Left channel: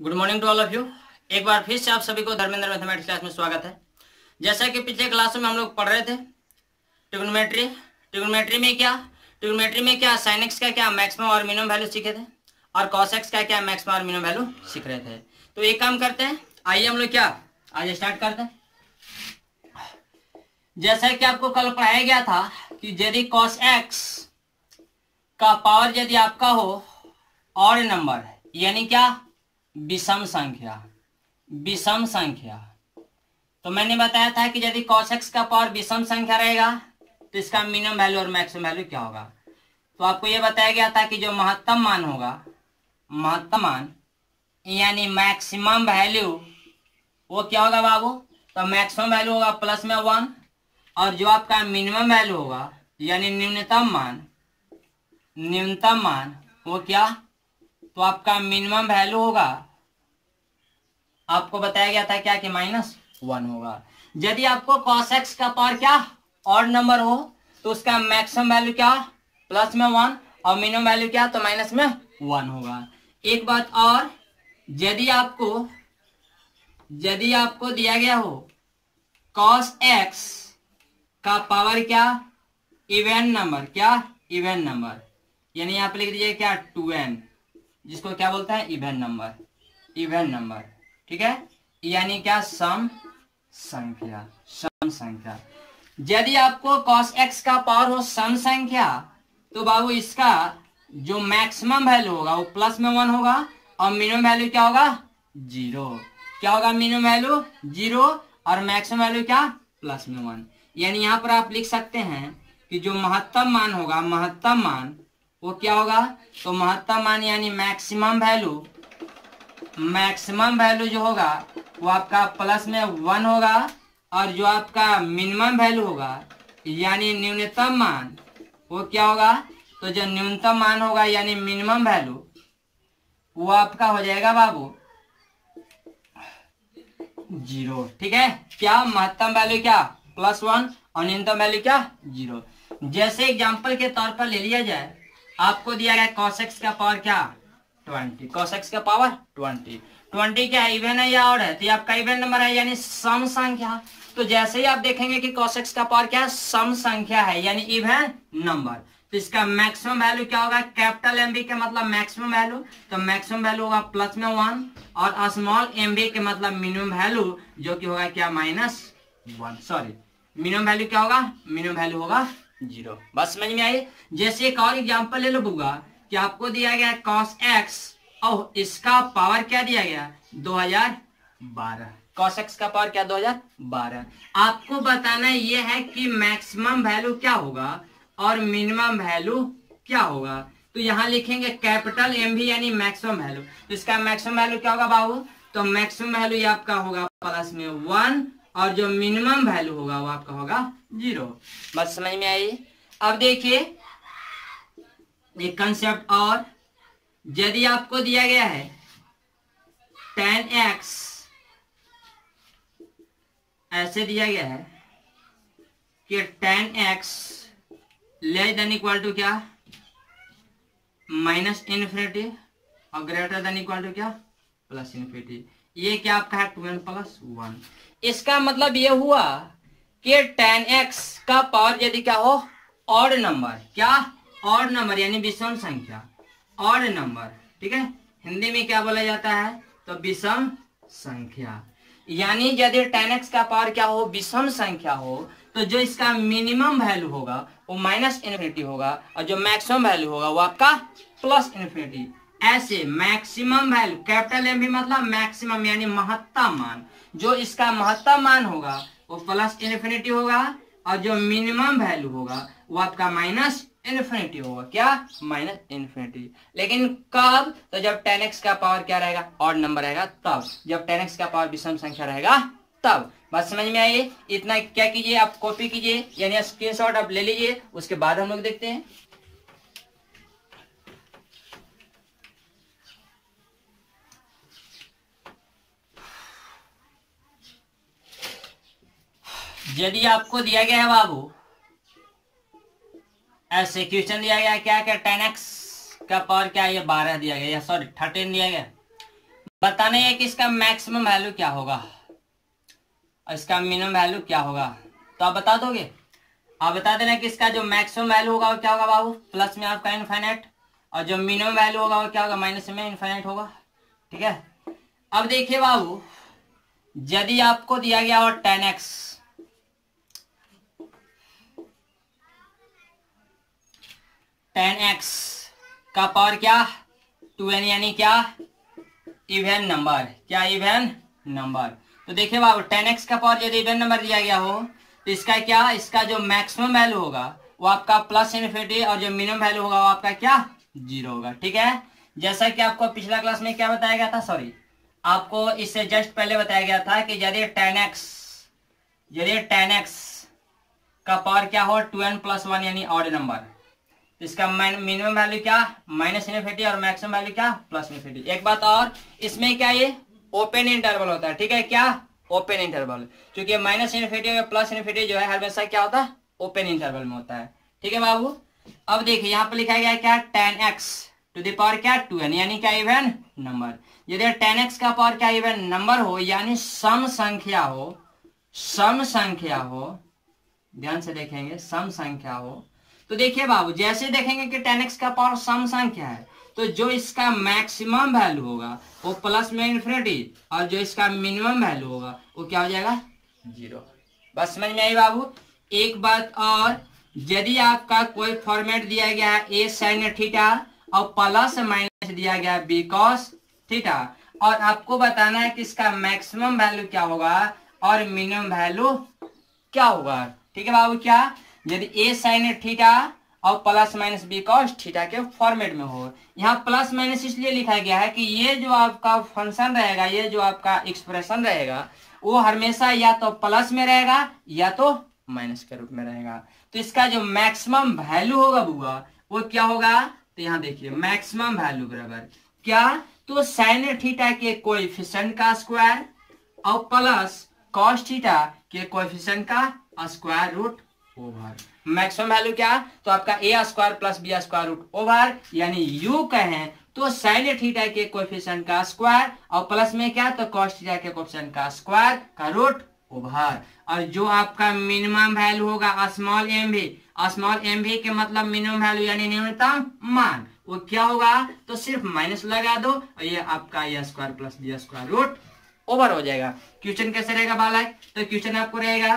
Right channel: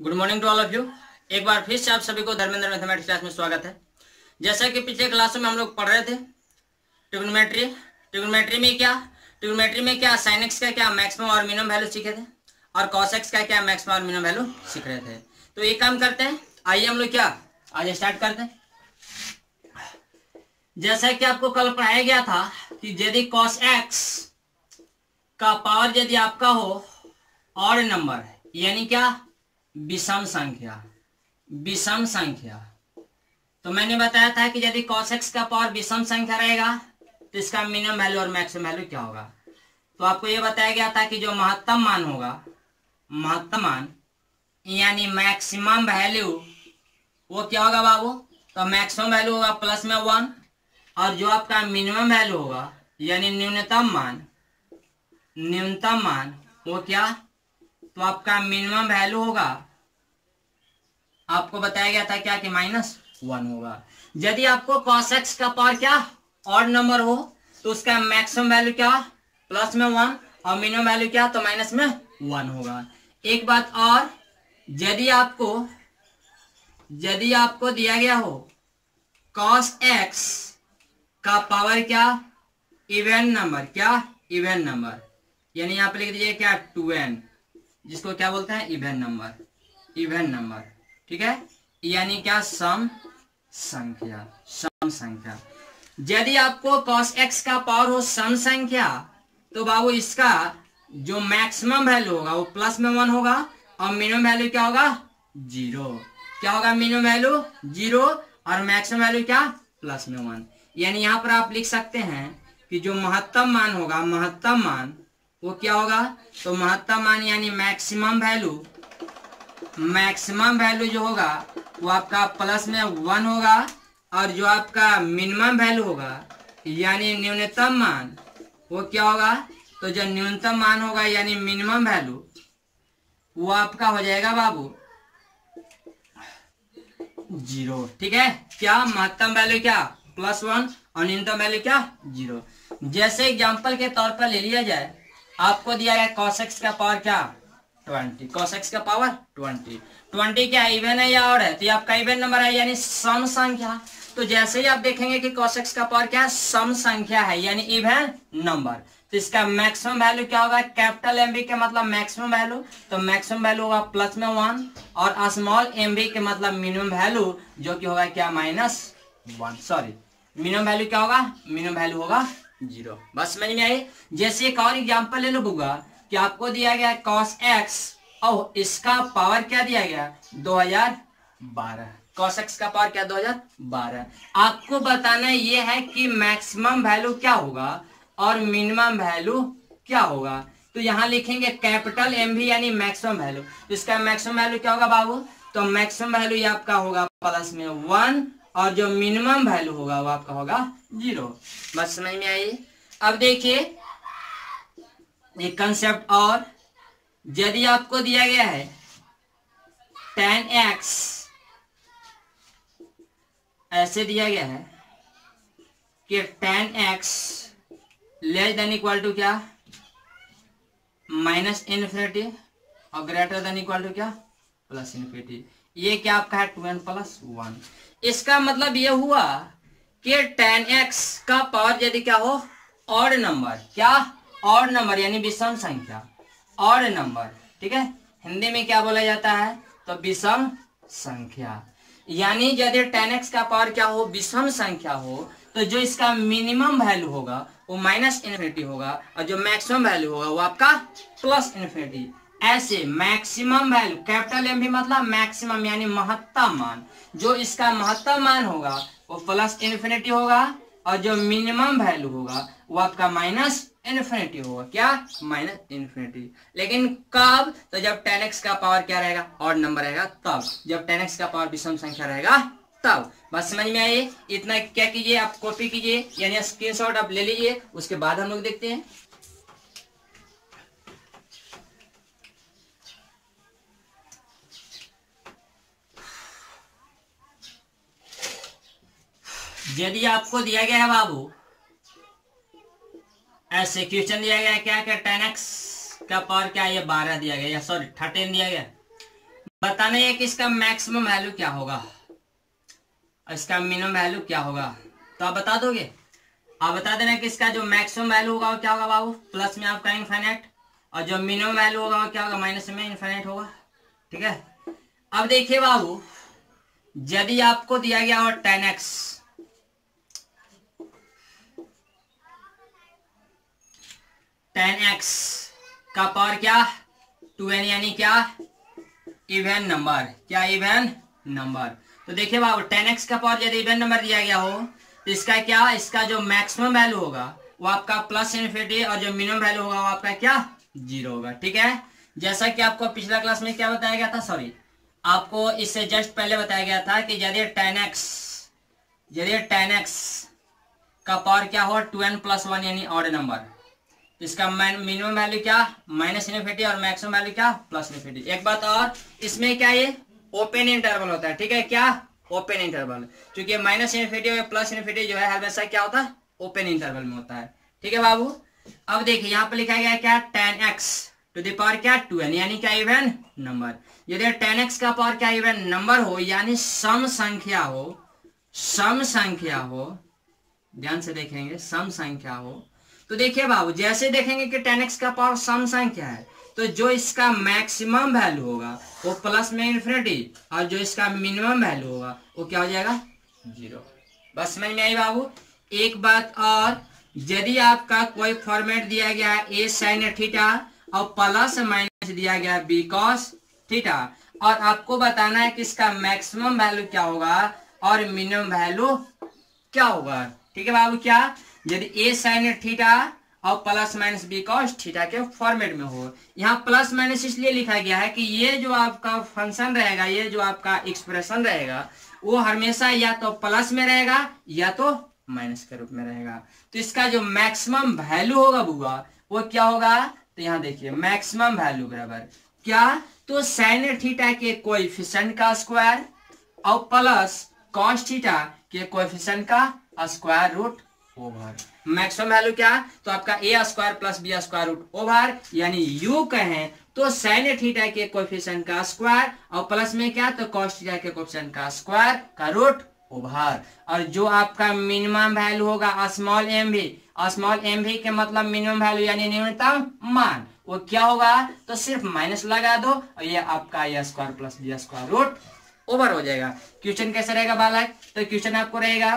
Good morning to all of you. एक बार फिर से आप सभी को धर्मेंद्र मैथमेटिक्स क्लास में स्वागत है। जैसा कि पिछले क्लासों में हम लोग पढ़ रहे थे ट्रिग्नोमेट्री। ट्रिग्नोमेट्री में क्या साइन एक्स का क्या मैक्सिमम और मिनिमम वैल्यू सीखे थे और कॉस एक्स का क्या मैक्सिमम और मिनिमम वैल्यू सीख रहे थे। तो एक काम करते हैं, आइए हम लोग क्या आज स्टार्ट करते हैं। जैसा कि आपको कल पढ़ाया गया था कि यदि कॉस एक्स का पावर यदि आपका हो ऑड नंबर यानी क्या विषम संख्या, तो मैंने बताया था कि यदि cos x का पावर विषम संख्या रहेगा तो इसका मिनिमम वैल्यू और मैक्सिमम वैल्यू क्या होगा। तो आपको यह बताया गया था कि जो महत्तम मान यानी मैक्सिमम वैल्यू वो क्या होगा बाबू, तो मैक्सिमम वैल्यू होगा प्लस में 1 और जो आपका मिनिमम वैल्यू होगा यानी न्यूनतम मान वो क्या, तो आपका मिनिमम वैल्यू होगा, आपको बताया गया था क्या कि -1 होगा। यदि आपको cos x का पावर क्या ऑड नंबर हो तो उसका मैक्सिमम वैल्यू क्या प्लस में 1 और मिनिमम वैल्यू क्या तो माइनस में 1 होगा। एक बात और, यदि आपको दिया गया हो cos x का पावर क्या इवन नंबर यानी यहाँ पे लिख दीजिए क्या 2n, जिसको क्या बोलते हैं इवन नंबर, ठीक है, यानी क्या सम संख्या। यदि आपको cos x का पावर हो सम संख्या तो बाबू इसका जो मैक्सिमम वैल्यू होगा वो प्लस में 1 होगा और मिनिमम वैल्यू क्या होगा 0। क्या होगा मिनिमम वैल्यू 0 और मैक्सिमम वैल्यू क्या प्लस में 1। यानी यहाँ पर आप लिख सकते हैं कि जो महत्तम मान वो क्या होगा, तो महत्तम मान यानी मैक्सिमम वैल्यू जो होगा वो आपका प्लस में 1 होगा और जो आपका मिनिमम वैल्यू होगा यानी न्यूनतम मान वो क्या होगा, तो जो न्यूनतम मान होगा यानी मिनिमम वैल्यू वो आपका हो जाएगा बाबू 0। ठीक है, क्या महत्तम वैल्यू क्या +1 और न्यूनतम वैल्यू क्या 0। जैसे एग्जांपल के तौर पर ले लिया जाए, आपको दिया गया cos x का पावर क्या 20, cos x का पावर 20 क्या इवन है या ऑड है, तो ये आपका इवन नंबर है यानी सम संख्या। तो जैसे ही आप देखेंगे कि cos x का पावर क्या है सम संख्या है यानी इवन नंबर, तो इसका मैक्सिमम वैल्यू क्या होगा, कैपिटल एम बी के मतलब मैक्सिमम वैल्यू, तो मैक्सिमम वैल्यू होगा प्लस में 1 और स्मॉल एम बी के मतलब मिनिमम वैल्यू जो कि होगा क्या -1, सॉरी मिनिमम वैल्यू क्या होगा, मिनिमम वैल्यू होगा 0। बस समझ में आई। जैसे एक और एग्जांपल ले लो बुआ कि आपको दिया गया cos x और इसका पावर क्या दिया गया 2012, cos x का पावर क्या 2012। आपको बताना ये है कि मैक्सिमम वैल्यू क्या होगा और मिनिमम वैल्यू क्या होगा। तो यहाँ लिखेंगे कैपिटल एम भी यानी मैक्सिमम वैल्यू, तो इसका मैक्सिमम वैल्यू क्या होगा बाबू, तो मैक्सिमम वैल्यू आपका होगा प्लस में 1 और जो मिनिमम वैल्यू होगा वो आपका होगा 0। बात समझ में आई। अब देखिए एक कंसेप्ट और, यदि आपको दिया गया है tan x ऐसे दिया गया है कि tan x less than equal to क्या -∞ और ग्रेटर देन इक्वल टू क्या +∞, ये क्या आपका है 2n + 1। इसका मतलब ये हुआ कि tan x का पावर यदि क्या हो ऑड नंबर, क्या ऑड नंबर यानी विषम संख्या, ऑड नंबर, ठीक है, हिंदी में क्या बोला जाता है तो विषम संख्या। यानी यदि tan x का पावर क्या हो विषम संख्या हो तो जो इसका मिनिमम वैल्यू होगा वो -∞ होगा और जो मैक्सिमम वैल्यू होगा वो आपका +∞। ऐसे मैक्सिमम वैल्यू कैपिटल एम भी मतलब मैक्सिमम यानी महत्तम मान, जो इसका महत्तम मान होगा वो +∞ होगा और जो मिनिमम वैल्यू होगा वो आपका -∞ होगा, क्या -∞। लेकिन कब, तो जब tan x का पावर क्या रहेगा ऑड नंबर रहेगा तब, जब tan x का पावर विषम संख्या रहेगा तब। बस समझ में आइए। इतना क्या कीजिए आप कॉपी कीजिए यानी स्क्रीनशॉट आप ले लीजिए, उसके बाद हम लोग देखते हैं। यदि आपको दिया गया है बाबू ऐसे क्वेश्चन दिया गया है क्या tan x का पावर क्या ये 12 दिया गया, सॉरी 13 दिया गया, बताना है कि इसका मैक्सिमम वैल्यू क्या होगा, इसका मिनिमम वैल्यू क्या होगा। तो आप बता दोगे, आप बता देना कि इसका जो मैक्सिमम वैल्यू होगा वो क्या होगा बाबू, प्लस में आपका इनफाइनाइट, और जो मिनिमम वैल्यू होगा वो क्या होगा, माइनस में इनफाइनाइट होगा। ठीक है, अब देखिए बाबू, यदि आपको दिया गया हो 10x, 10x का पावर क्या 2n, यानी क्या इवन नंबर, क्या इवन नंबर। तो देखिए बाबू 10x का पावर यदि इवन नंबर दिया गया हो तो इसका क्या, इसका जो मैक्सिमम वैल्यू होगा वो आपका प्लस इनफिनिटी, और जो मिनिमम वैल्यू होगा वो आपका क्या 0 होगा। ठीक है, जैसा कि आपको पिछला क्लास में क्या बताया गया था, सॉरी आपको इससे जस्ट पहले बताया गया था कि यदि 10x का पावर क्या हो 2n + 1 यानी ऑड नंबर, इसका मिनिमम वैल्यू क्या माइनस इनफिनिटी और मैक्सिमम वैल्यू क्या प्लस इनफिनिटी। एक बात और, इसमें क्या ये ओपन इंटरवल होता है। ठीक है, क्या ओपन इंटरवल, क्योंकि माइनस इनफिनिटी और प्लस इनफिनिटी जो है हमेशा क्या होता है ओपन इंटरवल में होता है। ठीक है बाबू, अब देखिए यहाँ पे लिखा गया क्या 10x टू द पावर क्या 2n, यानी क्या इवन नंबर। यदि 10x का पावर क्या इवन नंबर हो, यानी सम संख्या हो, सम संख्या हो, ध्यान से देखेंगे सम संख्या हो, तो देखिए बाबू जैसे देखेंगे कि 10x का पावर सम संख्या है तो जो इसका मैक्सिमम वैल्यू होगा वो प्लस में इनफिनिटी, और जो इसका मिनिमम वैल्यू होगा वो क्या हो जाएगा 0। बस समझ में आई बाबू। एक बात और, यदि आपका कोई फॉर्मेट दिया गया है a sin थीटा और प्लस माइनस दिया गया है b cos थीटा, और आपको बताना है कि इसका मैक्सिमम वैल्यू क्या होगा और मिनिमम वैल्यू क्या होगा। ठीक है बाबू, क्या यदि a sin थीटा और plus minus b cos theta के फॉर्मेट में हो, यहाँ प्लस माइनस इसलिए लिखा गया है कि ये जो आपका फंक्शन रहेगा, ये जो आपका एक्सप्रेशन रहेगा वो हमेशा या तो प्लस में रहेगा या तो माइनस के रूप में रहेगा। तो इसका जो मैक्सिमम वैल्यू होगा बुआ वो क्या होगा, तो यहाँ देखिए मैक्सिमम वैल्यू बराबर क्या, तो साइन थीटा के कोएफिशिएंट का स्क्वायर और प्लस कॉस थीटा के कोएफिशिएंट का square root over. Maximum value क्या, तो आपका a square plus b square root over, यानी यू कहें तो साइन थीटा के कोएफिशिएंट का स्क्वायर और प्लस में क्या, तो कॉस थीटा के कोएफिशिएंट का स्क्वायर का रूट ओवर। और जो आपका मिनिमम वैल्यू होगा स्मॉल एम भी के मतलब मिनिमम वैल्यू यानी न्यूनतम मान, वो क्या होगा, तो सिर्फ माइनस लगा दो और ये आपका a square plus b square root over हो जाएगा। क्वेश्चन कैसे रहेगा बालक, तो क्वेश्चन आपको रहेगा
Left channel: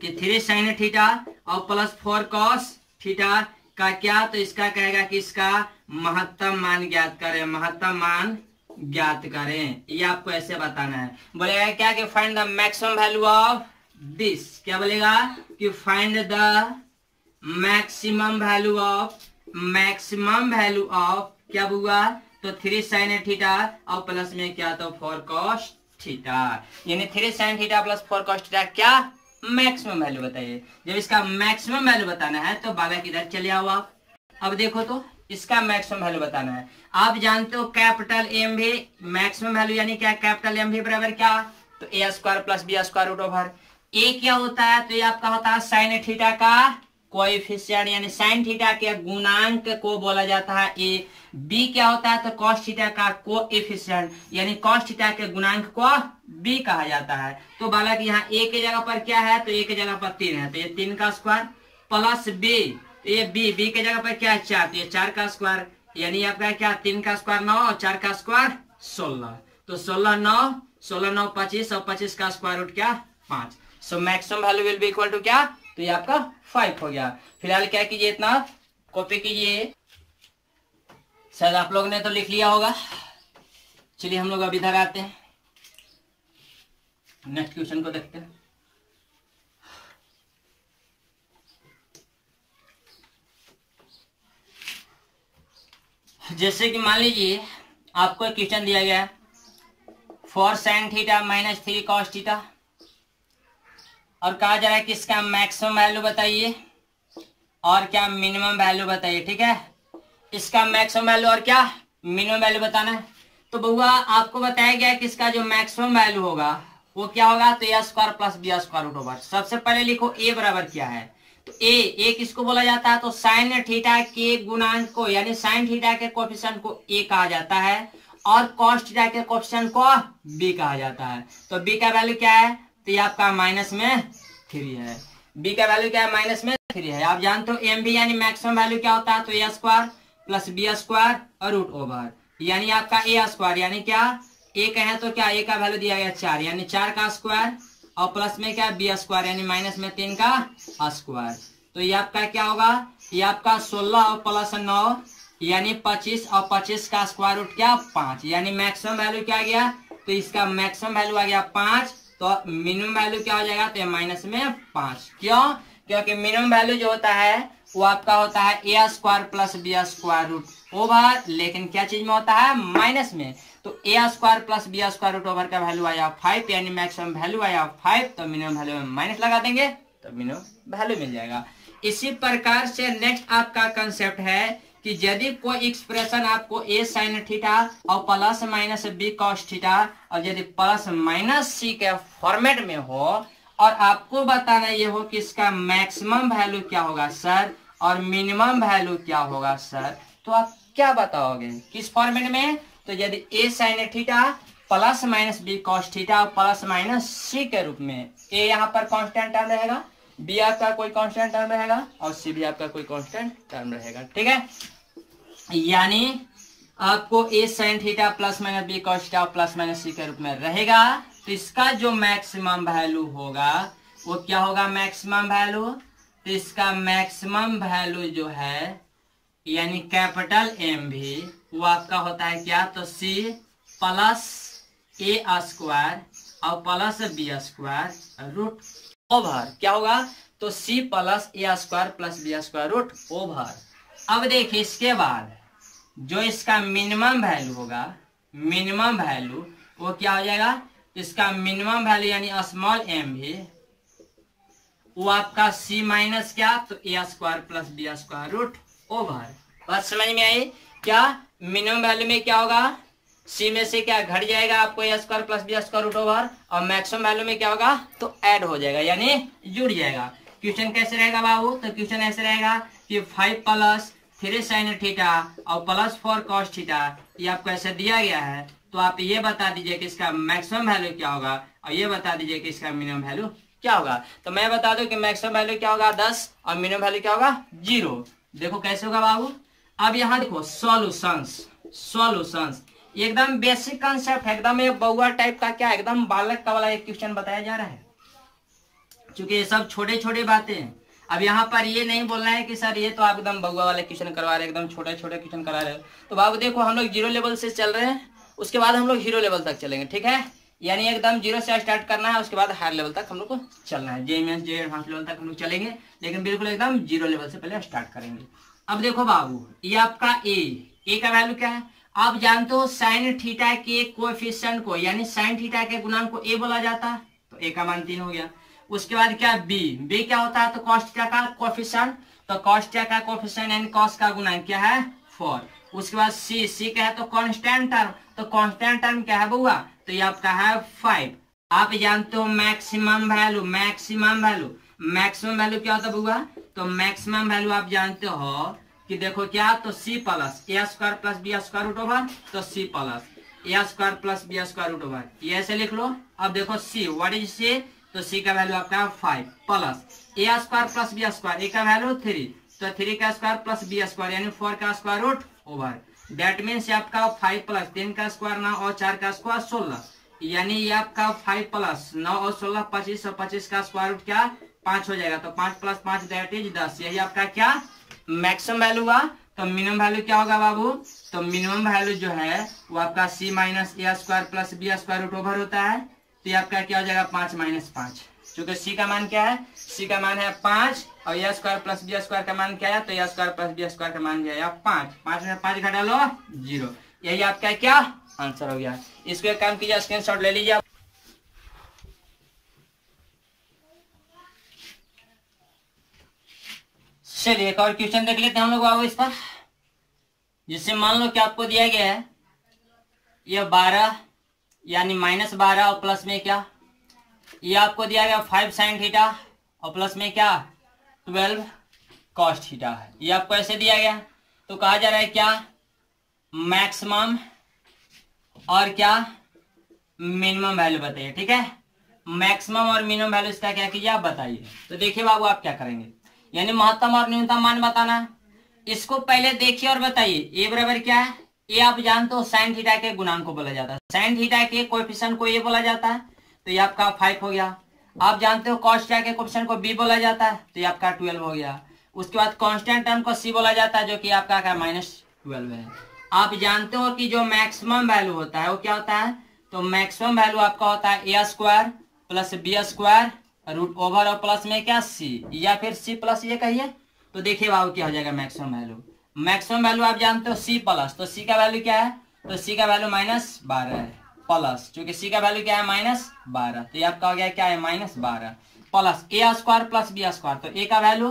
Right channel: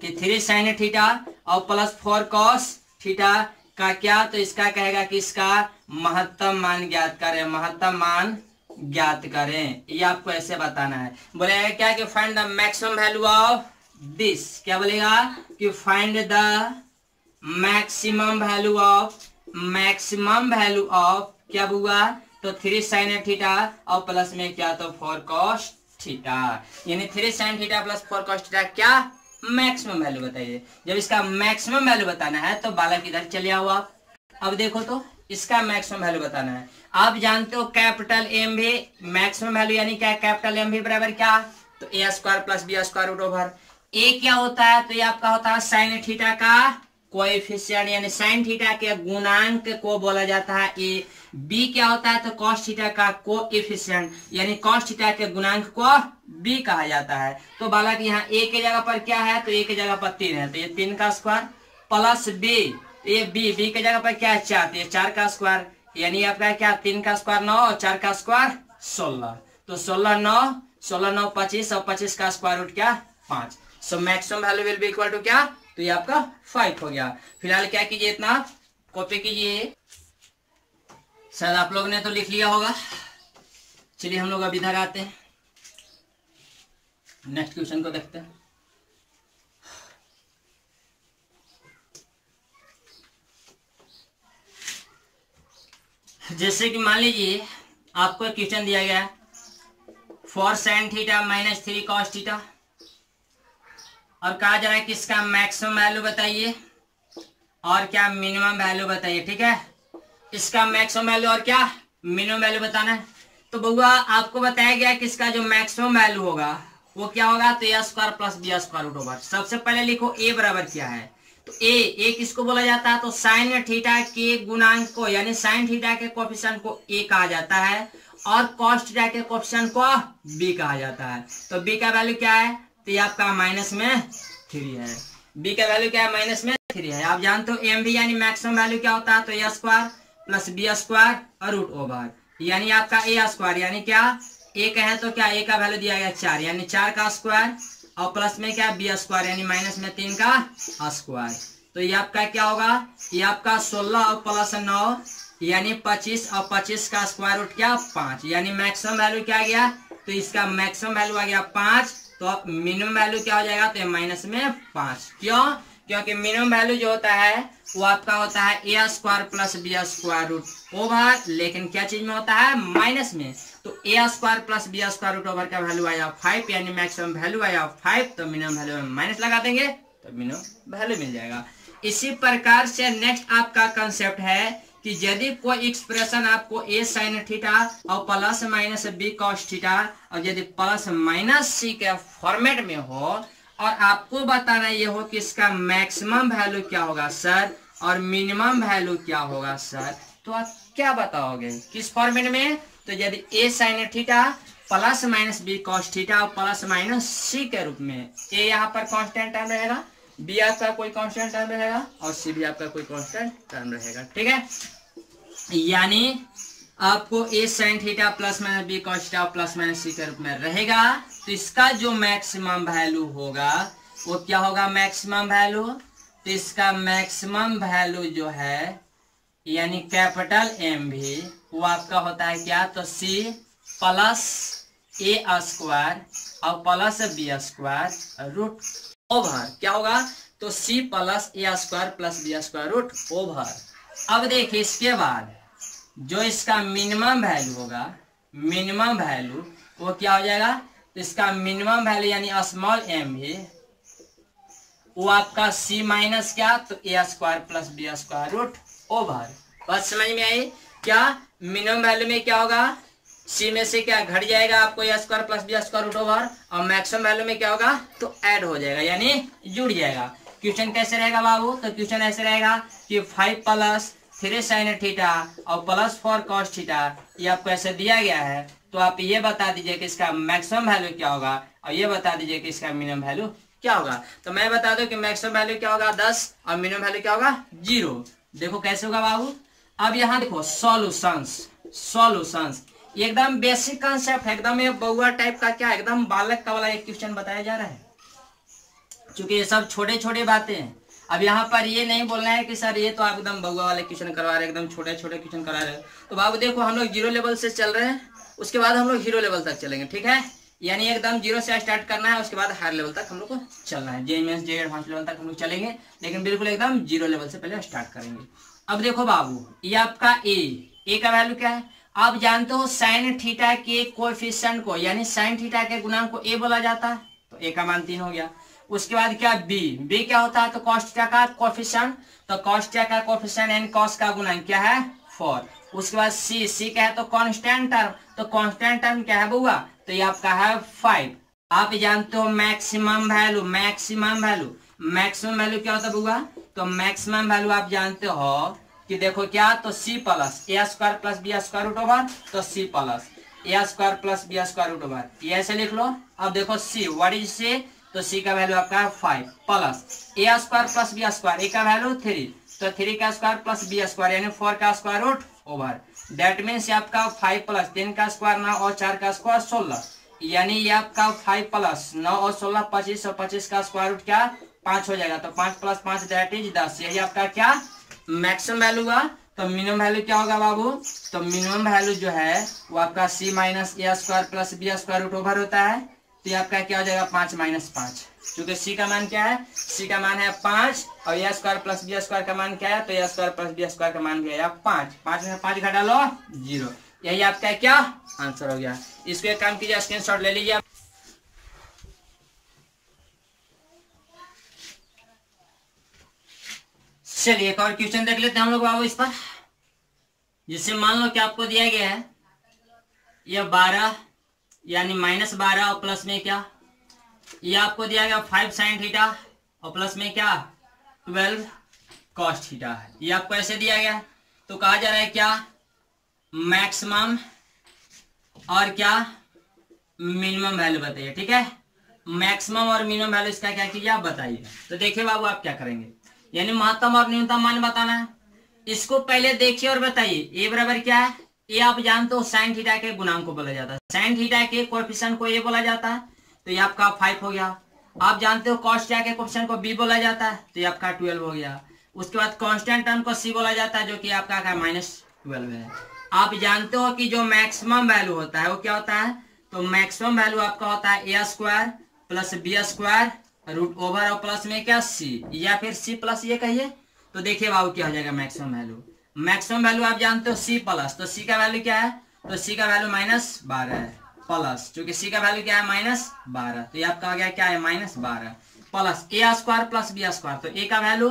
कि 3 sin थीटा और प्लस 4 cos थीटा का क्या, तो इसका कहेगा कि इसका महत्तम मान ज्ञात करें, महत्तम मान ज्ञात करें। ये आपको ऐसे बताना है। बोलेगा क्या कि find the maximum value of this, क्या बोलेगा कि find the maximum value of क्या हुआ, तो 3 sin थीटा और प्लस में क्या, तो 4 cos थीटा, यानी 3 sin theta plus 4 cos theta क्या मैक्सिमम वैल्यू बताइए। जब इसका मैक्सिमम वैल्यू बताना है तो बालक इधर चले आओ आप। अब देखो तो इसका मैक्सिमम वैल्यू बताना है। आप जानते हो कैपिटल एम भी मैक्सिमम वैल्यू यानी क्या, कैपिटल एम भी बराबर क्या, तो a square plus b square root over. a क्या होता है, तो ये आपका होता है साइन थीटा का कोएफिशिएंट, यानी साइन थीटा के गुणांक को बोला जाता है a। b क्या होता है, तो कॉस थीटा का कोएफिशिएंट, यानी कॉस थीटा के गुणांक को b कहा जाता है। तो बालक यहाँ a के जगह पर क्या है, तो a के जगह पर 3 है, तो ये 3 का स्क्वायर प्लस b, ये b के जगह पर क्या है 4, तो ये 4 का स्क्वायर, यानी आपका क्या 3 का स्क्वायर 9 और 4 का स्क्वायर 16, तो 16 9 25 और 25 का स्क्वायर रूट क्या 5। So maximum value will be equal to क्या, तो ये आपका 5 हो गया। फिलहाल क्या कीजिए, इतना कॉपी कीजिए, शायद आप लोगों ने तो लिख लिया होगा। चलिए हम लोग अब इधर आते हैं, नेक्स्ट क्वेश्चन को देखते हैं। जैसे कि मान लीजिए आपको क्वेश्चन दिया गया है 4 sin theta minus 3 cos theta, और कहा जा रहा है कि इसका मैक्सिमम वैल्यू बताइए और क्या मिनिमम वैल्यू बताइए। ठीक है, इसका मैक्सिमम वैल्यू और क्या मिनिमम वैल्यू बताना है। तो बउआ आपको बताया गया कि इसका जो मैक्सिमम वैल्यू होगा वो क्या होगा, तो a square plus b square root over. सबसे पहले लिखो a बराबर क्या है, तो a किसको बोला जाता है, तो साइन थीटा के गुणांक को यानी साइन थीटा के कोएफिशिएंट को a कहा जाता है, और कॉस थीटा के कोएफिशिएंट को बी कहा जाता है। तो बी का वैल्यू क्या है, तो ये आपका माइनस में 3 है। बी का वैल्यू क्या है, माइनस में 3 है। आप जानते हो एम बी यानी मैक्सिमम वैल्यू क्या होता है, तो a square plus B square और रूट ओवर यानी आपका ए स्क्वायर यानी क्या, ए का है तो क्या, ए का वैल्यू दिया गया 4 यानी 4 का स्क्वायर और प्लस में क्या बी स्क्वायर यानी माइनस में 3 का स्क्वायर। तो ये आपका क्या होगा, ये आपका 16 और प्लस 9 यानी 25 और 25 का स्क्वायर रूट क्या 5 यानी मैक्सिमम वैल्यू क्या गया, तो इसका मैक्सिमम वैल्यू आ गया 5। तो मिनिमम वैल्यू क्या हो जाएगा, तो ये माइनस में 5। क्यों, क्योंकि मिनिमम वैल्यू जो होता है वो आपका होता है ए square plus B square root over, लेकिन क्या चीज में होता है, माइनस में। तो a square plus B square root over का वैल्यू आया 5 यानी मैक्सिमम वैल्यू आया 5। तो मिनिमम वैल्यू में माइनस लगा देंगे तो मिनिमम वैल्यू मिल जाएगा। इसी प्रकार से नेक्स्ट आपका कंसेप्ट है कि यदि कोई एक्सप्रेशन आपको ए साइन थीटा और plus minus b cos theta और यदि प्लस माइनस सी के फॉर्मेट में हो और आपको बताना ये हो कि इसका मैक्सिमम वैल्यू क्या होगा सर और मिनिमम वैल्यू क्या होगा सर, तो आप क्या बताओगे किस फॉर्मेट में, तो यदि a sine theta plus minus b cos theta और प्लस माइनस सी के रूप में, ए यहाँ पर कांस्टेंट टर्म रहेगा, बी आपका कोई कांस्टेंट टर्म रहेगा और सी भी आपका कोई कांस्टेंट टर्म रहेगा। ठीक है, यानी आपको a sine theta plus minus b cos theta plus minus c के रूप में रहेगा। तो इसका जो मैक्सिमम वैल्यू होगा वो क्या होगा, मैक्सिमम वैल्यू, तो इसका मैक्सिमम वैल्यू जो है यानी कैपिटल एम भी वो आपका होता है क्या, तो सी प्लस ए स्क्वायर और plus B square root over क्या होगा, तो c plus a square plus B square root over. अब देखिए इसके बाद जो इसका मिनिमम वैल्यू होगा, मिनिमम वैल्यू वो क्या हो जाएगा, तो इसका मिनिमम वैल्यू यानी स्मॉल एम भी वो आपका सी माइनस क्या, तो a square plus B square root over. बात समझ में आई क्या, मिनिमम वैल्यू में क्या होगा, सी में से क्या घट जाएगा आपको a square plus B square root over और मैक्सिमम वैल्यू में क्या होगा, तो ऐड हो जाएगा यानी जुड़ जाएगा। क्वेश्चन कैसे रहेगा बाबू, तो क्वेश्चन ऐसे रहेगा कि 5 प्लस 3 साइन थीटा और प्लस 4 कॉस थीटा ये आपको ऐसे दिया गया है। तो आप ये बता दीजिए कि इसका मैक्सिमम वैल्यू क्या होगा और ये बता दीजिए कि इसका मिनिमम वैल्यू क्या होगा। तो मैं बता दूं कि मैक्सिमम वैल्यू क्या होगा 10 और मिनिमम वैल्यू क्या होगा 0। देखो कैसे होगा बाबू, अब यहाँ देखो सॉल्यूशंस, सॉल्यूशंस एकदम बेसिक कंसेप्ट है, एकदम एक बउआ टाइप का क्या एकदम बालक का वाला एक क्वेश्चन बताया जा रहा है, क्योंकि ये सब छोटे छोटे बातें हैं। अब यहाँ पर ये नहीं बोलना है कि सर ये तो आप एकदम बउआ वाले क्वेश्चन करवा रहे हैं, एकदम छोटे छोटे क्वेश्चन करवा रहे हैं। तो बाबू देखो हम लोग 0 लेवल से चल रहे हैं, उसके बाद हम लोग 0 लेवल तक चलेंगे। ठीक है, यानी एकदम 0 से स्टार्ट करना है, उसके बाद हायर लेवल तक हम लोग को चलना है, जे मेंस जे एडवांस लेवल तक हम लोग चलेंगे, लेकिन बिल्कुल एकदम 0 लेवल से पहले स्टार्ट करेंगे। अब देखो बाबू ये आपका ए का वैल्यू क्या है, आप जानते हो साइन थीटा के कोएफिशिएंट को यानी साइन थीटा के गुणांक को ए बोला जाता है, तो ए का मान 3 हो गया। उसके बाद क्या बी क्या होता है, तो कॉस थीटा का कोएफिशिएंट, तो कॉस थीटा का कोएफिशिएंट यानी कॉस का गुणांक क्या है 4। उसके बाद सी क्या है, तो कांस्टेंट टर्म, तो कांस्टेंट टर्म क्या है बुआ, तो ये आपका है 5। आप जानते हो मैक्सिमम वैल्यू, मैक्सिमम वैल्यू क्या होता है बुआ, तो मैक्सिमम वैल्यू आप जानते हो कि देखो क्या, तो c plus a square plus B square root over, तो c plus a square plus B square root over ये ऐसे लिख लो। अब देखो सी, व्हाट इज सी, तो सी का वैल्यू आपका 5 plus a square plus B square, ए का वैल्यू 3, तो 3 का स्क्वायर प्लस बी स्क्वायर यानी 4 का square root over. That means आपका 5 प्लस 3 का स्क्वायर 9 और 4 का स्क्वायर 16, यानी ये आपका 5 प्लस 9 और 16 25 और 25 का स्क्वायर रूट क्या 5 हो जाएगा, तो 5 प्लस 5 दैट इज 10। यही आपका क्या मैक्सिमम वैल्यू हुआ। तो मिनिमम वैल्यू क्या होगा बाबू, तो मिनिमम वैल्यू जो है वो आपका c minus a square plus B square root over होता है, तो ये आपका क्या हो जाएगा 5 माइनस 5, क्योंकि सी का मान क्या है, सी का मान है 5 और ए स्क्वायर प्लस बी स्क्वायर का मान क्या है, तो a square plus B square का मान क्या है 5, 5 में 5 घटा लो 0। यही आपका क्या आंसर हो गया। इसको एक काम कीजिए, स्क्रीनशॉट ले लीजिए। चलिए एक और क्वेश्चन देख लेते हैं हम लोग बाबू इस पर, जिससे मान लो कि आपको दिया गया है ये 12 यानी -12 और प्लस में क्या, ये आपको दिया गया 5 साइन थीटा और प्लस में क्या 12 कॉस थीटा है, ये आपको ऐसे दिया गया। तो कहा जा रहा है क्या मैक्सिमम और क्या मिनिमम वैल्यू बताइए। ठीक है, मैक्सिमम और मिनिमम वैल्यू इसका क्या कीजिए आप बताइए। तो देखिए बाबू आप क्या करेंगे, यानी महत्तम और न्यूनतम मान बताना है। इसको पहले देखिए और बताइए। ए बराबर क्या है, ए आप जानते हो साइन थीटा के गुणांक को बोला जाता है, साइन थीटा के कोएफिशिएंट को ए बोला जाता है, तो ये आपका 5 हो गया। आप जानते हो कॉस थीटा के कोएफिशिएंट को बी बोला जाता है, तो ये आपका 12 हो गया। उसके बाद कांस्टेंट टर्म को सी बोला जाता है, जो कि आपका -12 है। आप जानते हो कि जो मैक्सिमम वैल्यू होता है वो क्या होता है, तो मैक्सिमम वैल्यू आपका होता है ए square plus B square root over और प्लस में क्या सी, या फिर सी प्लस ये कहिए। तो देखिए बाबू क्या हो जाएगा मैक्सिमम वैल्यू। मैक्सिमम वैल्यू आप जानते हो सी प्लस, तो सी का वैल्यू क्या है, तो सी का वैल्यू -12 है, प्लस चूंकि सी का वैल्यू क्या है -12, तो ये आपका हो गया क्या है -12 plus a square plus B square, तो ए का वैल्यू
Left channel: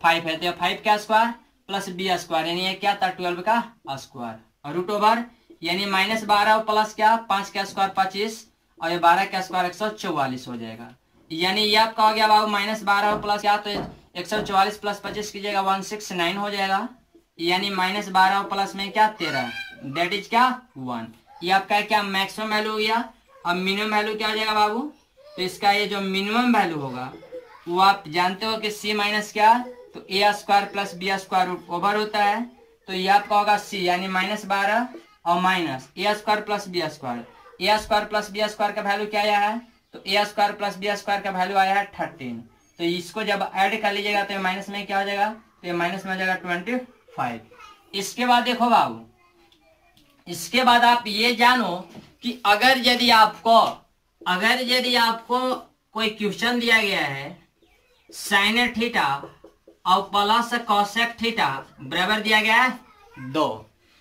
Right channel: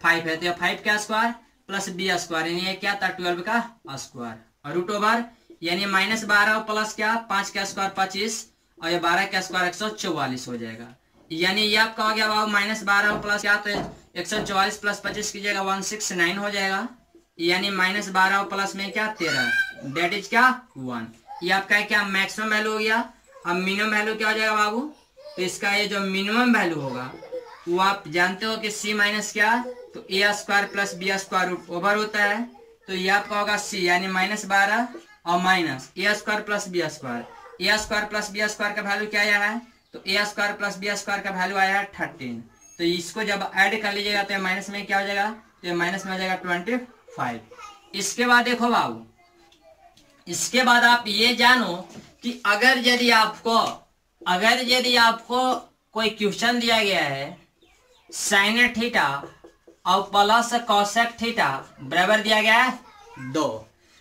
5 है, तो 5 का स्क्वायर प्लस बी स्क्वायर यानी ये क्या था 12 का स्क्वायर, और रूट ओवर यानी -12 प्लस क्या 5 का स्क्वायर 25 और ये 12 का स्क्वायर 144 हो जाएगा। यानी ये आपका हो गया बाबू -12 प्लस क्या, तो 144 प्लस 25 कीजिएगा 169 हो जाएगा, यानी -12 प्लस में क्या 13, दैट इज क्या 1। ये आपका क्या मैक्सिमम वैल्यू हो गया। अब मिनिमम वैल्यू क्या हो जाएगा बाबू, तो इसका ये जो मिनिमम वैल्यू होगा वो आप जानते हो कि सी माइनस क्या, तो a square plus B square root over होता है, तो ये आपका होगा सी यानी -12 और minus a square plus B square, A square plus B square का वैल्यू क्या आया है, तो a square plus B square का वैल्यू आया है 13, तो इसको जब ऐड कर लीजिएगा तो माइनस में क्या हो जाएगा, तो ये माइनस में हो जाएगा 25। इसके बाद देखो बाबू, इसके बाद आप ये जानो कि अगर यदि आपको कोई क्वेश्चन दिया गया है साइन थीटा और प्लस कॉसेक थीटा बराबर दिया गया है 2,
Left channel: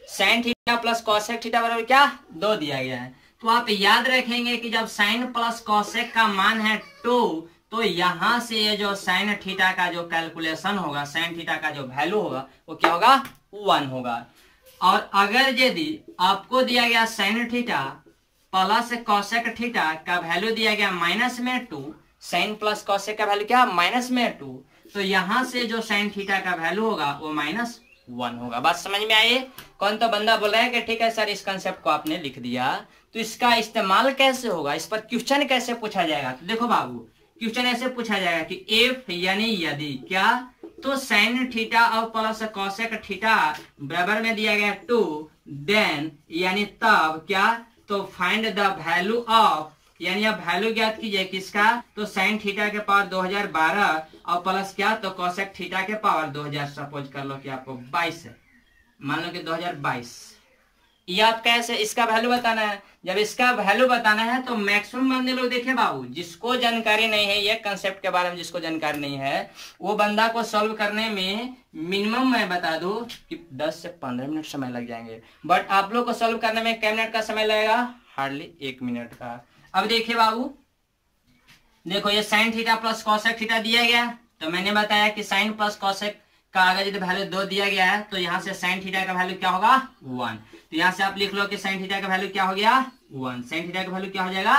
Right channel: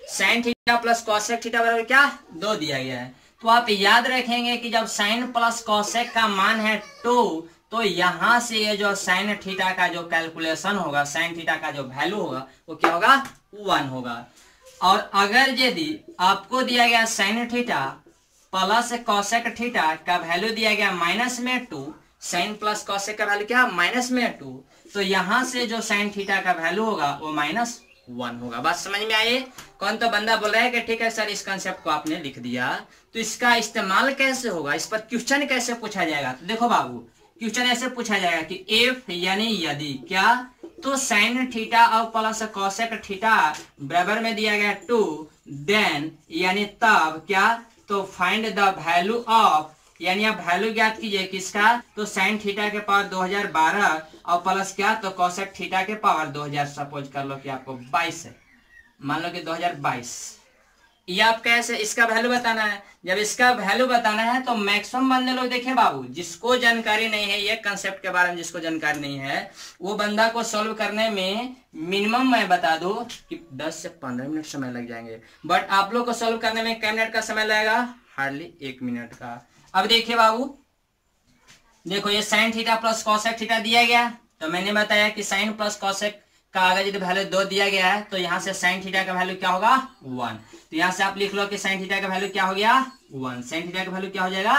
sign theta plus cosec theta बराबर क्या 2 दिया गया है, तो आप याद रखेंगे कि जब साइन प्लस कॉसेक का मान है 2, तो यहां से ये जो साइन थीटा का जो कैलकुलेशन होगा, साइन थीटा का जो वैल्यू होगा वो क्या होगा 1 होगा। और अगर यदि आपको दिया गया sign theta plus cosec theta का वैल्यू दिया गया -2, साइन प्लस कॉसेक का वैल्यू क्या -2, तो यहां से जो साइन थीटा का वैल्यू होगा वो -1 होगा। बात समझ में आई। कौन तो बंदा बोल रहा है कि ठीक है सर इस कंसेप्ट को आपने लिख दिया, तो इसका इस्तेमाल कैसे होगा, इस पर क्वेश्चन कैसे पूछा जाएगा। तो देखो बाबू क्वेश्चन ऐसे पूछा जाएगा कि इफ यानी यदि क्या, तो साइन थीटा और प्लस कॉसेक थीटा बराबर में दिया गया 2, देन यानी तब क्या, तो फाइंड द वैल्यू ऑफ, यानी आप वैल्यू ज्ञात कीजिए किसका, तो साइन थीटा के पावर 2012 और प्लस क्या, तो कॉसेक थीटा के पावर 2000, सपोज कर लो कि आपको 22 है, मान लो कि 2022, ये आप कैसे इसका वैल्यू बताना है। जब इसका वैल्यू बताना है तो मैक्सिमम बंदे लोग देखिए बाबू, जिसको जानकारी नहीं है ये कंसेप्ट के बारे में, जिसको जानकारी नहीं है वो बंदा को सॉल्व करने में मिनिमम मैं बता दूं कि 10 से 15 मिनट समय लग जाएंगे, बट आप लोग को सॉल्व करने में कितने मिनट का समय लगेगा, हार्डली 1 मिनट का। अब देखिए बाबू, देखो ये sign theta plus cosec theta दिया गया, तो मैंने बताया कि साइन प्लस कॉसेक का अगर यदि वैल्यू 2 दिया गया है तो यहाँ से साइन थीटा का वैल्यू क्या होगा 1, तो यहाँ से आप लिख लो कि साइन थीटा का वैल्यू क्या हो गया 1, साइन थीटा का वैल्यू क्या हो जाएगा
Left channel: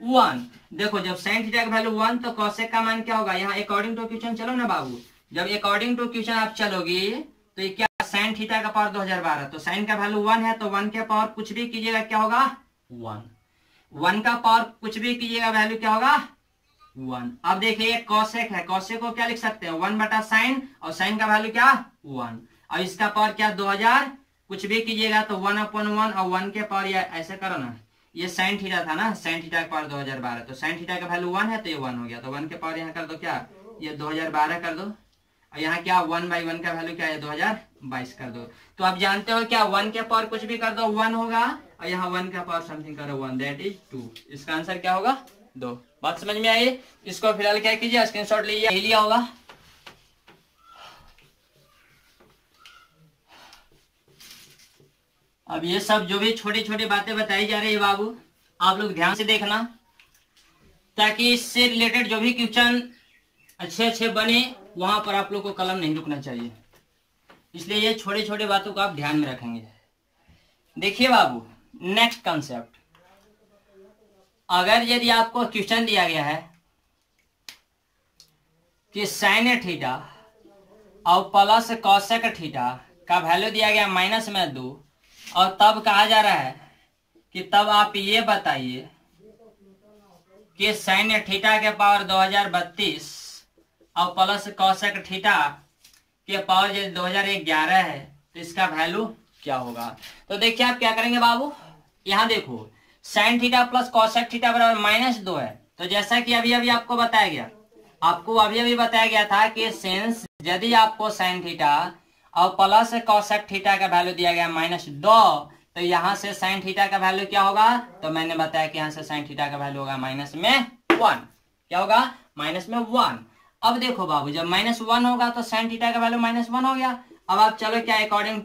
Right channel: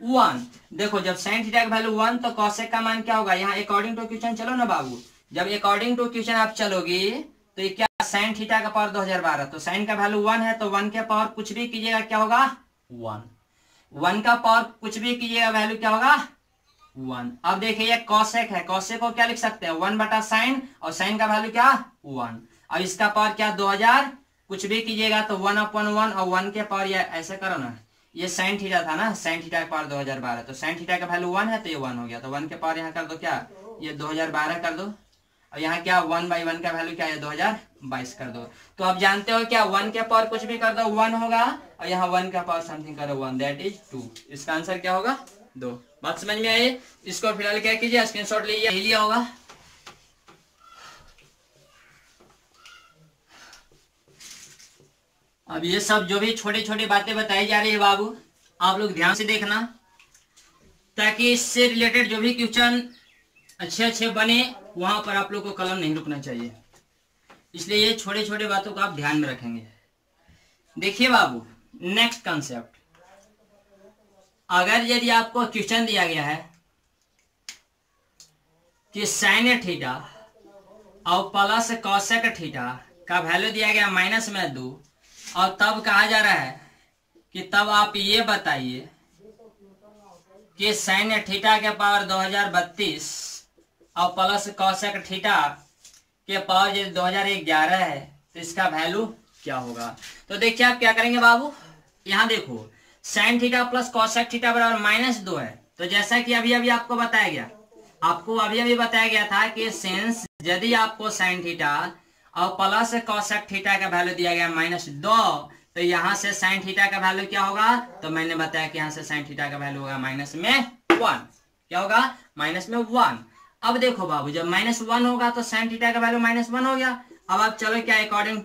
1। देखो जब साइन थीटा का वैल्यू 1 तो कॉसेक का मान क्या होगा, यहाँ अकॉर्डिंग टू क्वेश्चन चलो ना बाबू, जब अकॉर्डिंग टू क्वेश्चन आप चलोगी तो ये क्या साइन थीटा का पावर 2012, तो साइन का वैल्यू 1 है, तो 1 के पावर कुछ भी कीजिएगा क्या होगा 1 का पावर कुछ भी कीजिएगा वैल्यू क्या होगा 1। अब देखिए ये कॉसेक है, कॉसेक को क्या लिख सकते हैं 1 बटा साइन, और साइन का वैल्यू क्या 1, और इसका पावर क्या 2000, कुछ भी कीजिएगा तो 1/1 और 1 के पावर, या ऐसे करो ना, ये साइन थीटा था ना, साइन थीटा का पावर 2012, तो साइन थीटा का वैल्यू 1 है तो ये 1 हो गया, तो 1 के पावर यहाँ कर दो क्या, ये 2012 कर दो, और यहाँ क्या 1/1 का वैल्यू क्या है 2022 कर दो। तो आप जानते हो क्या 1 के पावर कुछ भी कर दो 1 होगा, और यहाँ 1 का पावर समथिंग करो 1, दैट इज 2। इसका आंसर क्या होगा 2। बात समझ में आई। इसको फिलहाल क्या कीजिए स्क्रीनशॉट लीजिए, लिया होगा। अब ये सब जो भी छोटी छोटी बातें बताई जा रही है बाबू, आप लोग ध्यान से देखना, ताकि इससे रिलेटेड जो भी क्वेश्चन अच्छे अच्छे बने वहां पर आप लोग को कलम नहीं रुकना चाहिए, इसलिए ये छोटे छोटे बातों को आप ध्यान में रखेंगे। देखिए बाबू नेक्स्ट कंसेप्ट, अगर यदि आपको क्वेश्चन दिया गया है कि साइन थीटा और प्लस कॉसेक थीटा का वैल्यू दिया गया -2, और तब कहा जा रहा है कि तब आप ये बताइए कि साइन थीटा के पावर 2032 और प्लस कॉसेक थीटा के पावर यदि 2011 है तो इसका वैल्यू क्या होगा। तो देखिए आप क्या करेंगे बाबू, यहाँ देखो sign theta plus cosec theta बराबर -2 है। तो जैसा कि अभी अभी आपको बताया गया था कि सिंस यदि आपको साइन थीटा और प्लस कॉसेक थीटा का वैल्यू दिया गया -2, तो यहाँ से साइन थीटा का वैल्यू क्या होगा, तो मैंने बताया कि यहाँ से साइन थीटा का वैल्यू होगा -1। क्या होगा, -1। अब देखो बाबू जब -1 होगा तो साइन थीटा का वैल्यू -1 हो गया। अब आप चलो क्या अकॉर्डिंग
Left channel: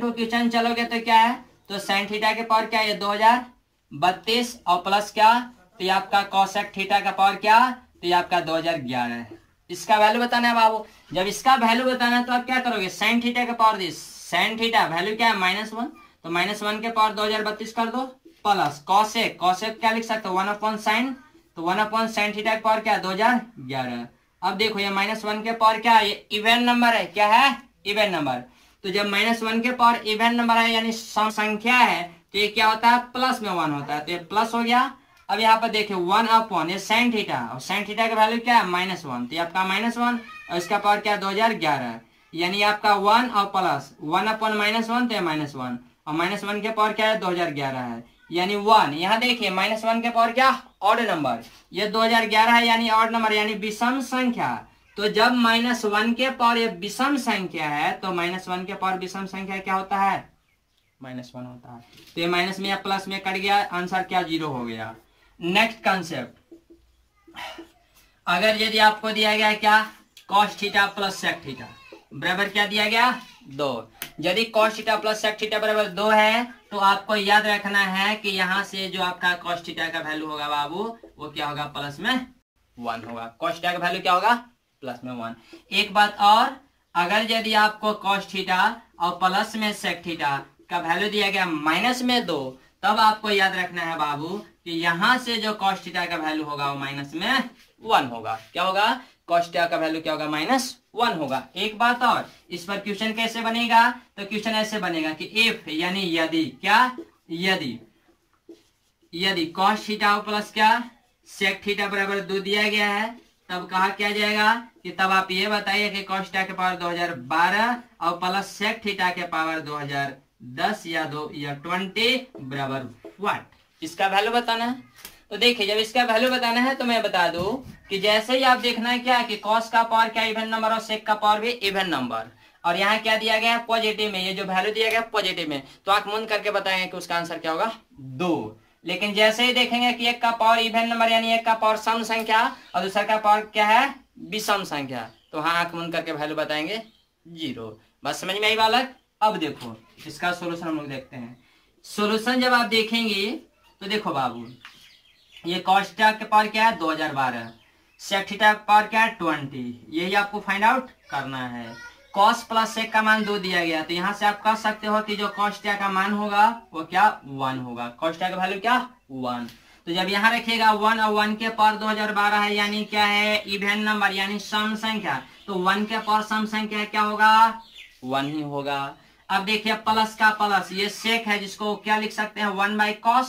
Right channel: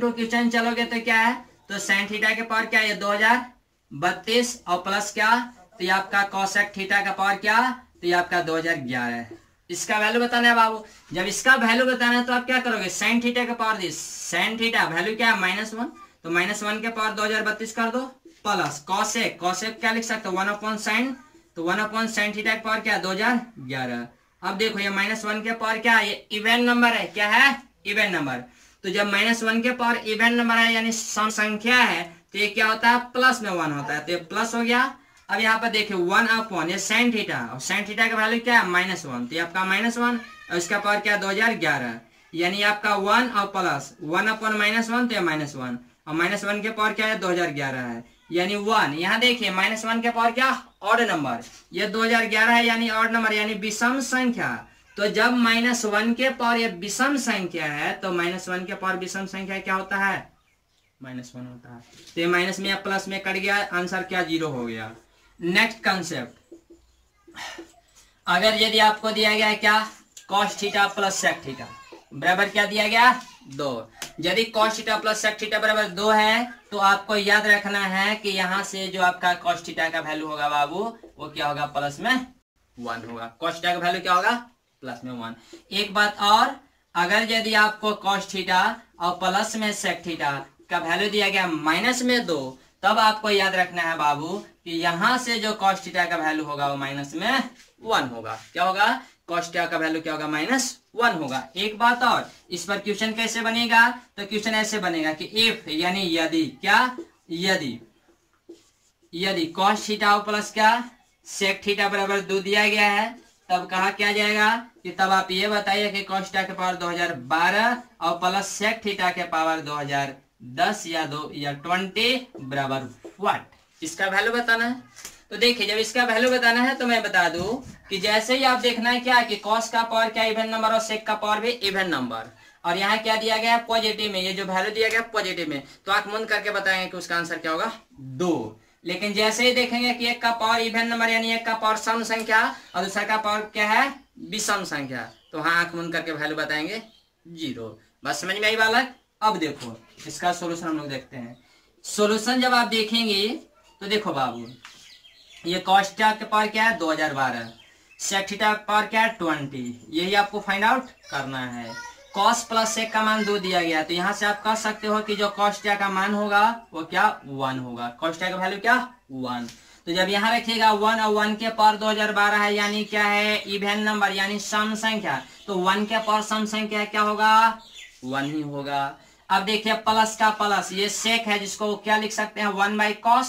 टू क्वेश्चन चलोगे तो क्या है, तो साइन थीटा के पावर क्या है 2032 और प्लस क्या, तो ये आपका कॉसेक थीटा का पावर क्या, तो ये आपका 2011 है। इसका वैल्यू बताना है बाबू। जब इसका वैल्यू बताना है तो आप क्या करोगे, साइन थीटा के पावर साइन थीटा वैल्यू क्या है -1, तो -1 के पावर 2032 कर दो, प्लस कॉसेक क्या लिख सकते हो 1/sin, तो 1/sin थीटा के पावर क्या है 2011। अब देखो ये -1 के पावर क्या है, ये इवन नंबर है, क्या है इवन नंबर। तो जब -1 के पावर इवन नंबर है यानी सम संख्या है तो ये क्या होता है प्लस में 1 होता है, तो ये प्लस हो गया। अब यहाँ पर देखिए 1/, ये साइन थीटा और साइन थीटा का वैल्यू क्या है -1, तो ये आपका -1 और इसका पावर क्या है 2011, यानी आपका 1 और प्लस 1/-1 तो ये -1 और -1 के पावर क्या है 2011 है, यानी 1। यहाँ देखिए -1 के पावर क्या ऑड नंबर, ये 2011 है यानी ऑड नंबर यानी विषम संख्या। तो जब -1 के पावर ये विषम संख्या है तो -1 के पावर विषम संख्या क्या होता है -1 होता है। तो ये माइनस में या प्लस में कट गया, आंसर क्या 0 हो गया। नेक्स्ट कंसेप्ट, अगर यदि आपको दिया गया है क्या cos theta plus sec theta बराबर क्या दिया गया 2, यदि cos theta plus sec theta बराबर 2 है तो आपको याद रखना है कि यहाँ से जो आपका कॉस थीटा का वैल्यू होगा बाबू वो क्या होगा प्लस में 1 होगा। कॉस थीटा का वैल्यू क्या होगा प्लस में 1। एक बात और, अगर यदि आपको कॉस थीटा और प्लस में सेक थीटा का वैल्यू दिया गया -2, तब आपको याद रखना है बाबू कि यहाँ से जो कॉस थीटा का वैल्यू होगा वो -1 होगा। क्या होगा, कॉस थीटा का वैल्यू क्या होगा -1 होगा। एक बात और, इस पर क्वेश्चन कैसे बनेगा, तो क्वेश्चन ऐसे बनेगा कि इफ यानी यदि क्या, यदि कॉस थीटा प्लस क्या सेक थीटा बराबर 2 दिया गया है, तब कहा क्या जाएगा कि तब आप ये बताइए कि कॉस थीटा के पावर 2012 और प्लस सेक थीटा के पावर 2010 या 20 बराबर व्हाट, इसका वैल्यू बताना है। तो देखिए जब इसका वैल्यू बताना है तो मैं बता दूं कि जैसे ही आप देखना है क्या कि कॉस का पावर क्या इवन नंबर और सेक का पावर भी इवन नंबर, और यहाँ क्या दिया गया पॉजिटिव में, ये जो वैल्यू दिया गया पॉजिटिव में, तो आंख मूंद करके बताएंगे कि उसका आंसर क्या होगा 2। लेकिन जैसे ही देखेंगे कि एक का पावर इवन नंबर यानी एक का पावर सम संख्या और दूसरा का पावर क्या है विषम संख्या, तो हाँ आंख मूंद करके वैल्यू बताएंगे 0। बस समझ में आई बालक। अब देखो इसका सोल्यूशन हम लोग देखते हैं। सोल्यूशन जब आप देखेंगे तो देखो बाबू ये कॉस थीटा के पावर क्या है 2012, सेक थीटा का पावर क्या है 20, यही आपको फाइंड आउट करना है। कॉस प्लस सेक का मान 2 दिया गया, तो यहाँ से आप कह सकते हो कि जो कॉस थीटा का मान होगा वो क्या 1 होगा। कॉस थीटा का वैल्यू क्या 1, तो जब यहाँ रखिएगा 1 और 1 के पावर 2012 है यानी क्या है इवन नंबर यानी सम संख्या, तो 1 के पावर सम संख्या क्या होगा 1 ही होगा। अब देखिए प्लस का प्लस, ये सेक है जिसको क्या लिख सकते हैं 1/cos,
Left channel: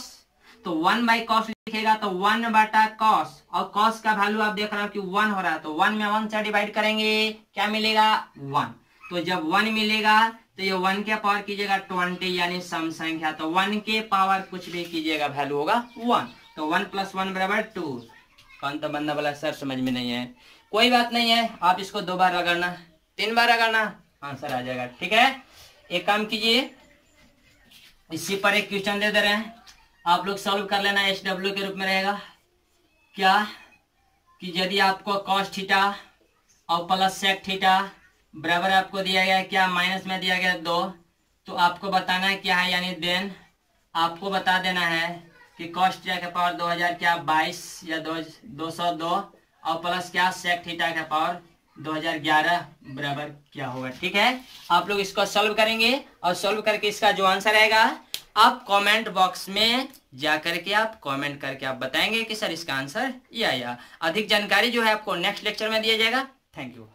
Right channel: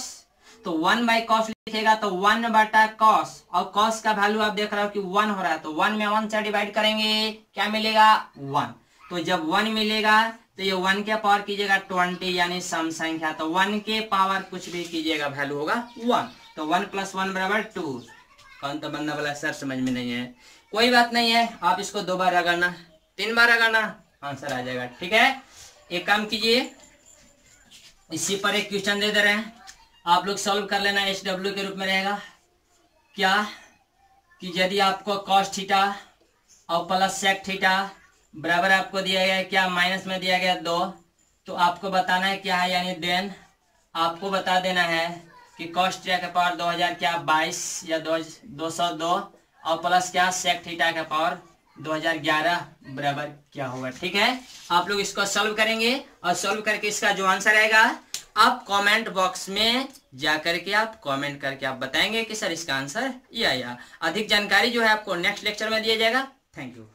तो 1/cos लिखेगा तो 1/cos, और cos का वैल्यू आप देख रहे हो कि 1 हो रहा है, तो 1 में 1 से डिवाइड करेंगे क्या मिलेगा 1, तो जब 1 मिलेगा तो ये 1 के पावर कीजिएगा 20 यानी सम संख्या, तो 1 के पावर कुछ भी कीजिएगा वैल्यू होगा 1, तो 1 + 1 = 2। कौन तो बंदा बोला सर समझ में नहीं है, कोई बात नहीं है, आप इसको 2 बार रगड़ना 3 बार रगड़ना आंसर आ जाएगा। ठीक है, एक काम कीजिए, इसी पर एक क्वेश्चन दे रहे हैं, आप लोग सॉल्व कर लेना, SW के रूप में रहेगा। क्या कि यदि आपको कॉस थीटा और प्लस सेक थीटा बराबर आपको दिया गया क्या माइनस में दिया गया 2, तो आपको बताना है क्या है, यानी देन आपको बता देना है कि कॉस थीटा के पावर 2000 क्या 22 या 202 और प्लस क्या सेक थीटा के पावर 2011 बराबर क्या होगा। ठीक है, आप लोग इसको सॉल्व करेंगे और सॉल्व करके इसका जो आंसर आएगा आप कमेंट बॉक्स में जा करके आप कमेंट करके आप बताएंगे कि सर इसका आंसर ये आया। अधिक जानकारी जो है आपको नेक्स्ट लेक्चर में दिया जाएगा। Thank you.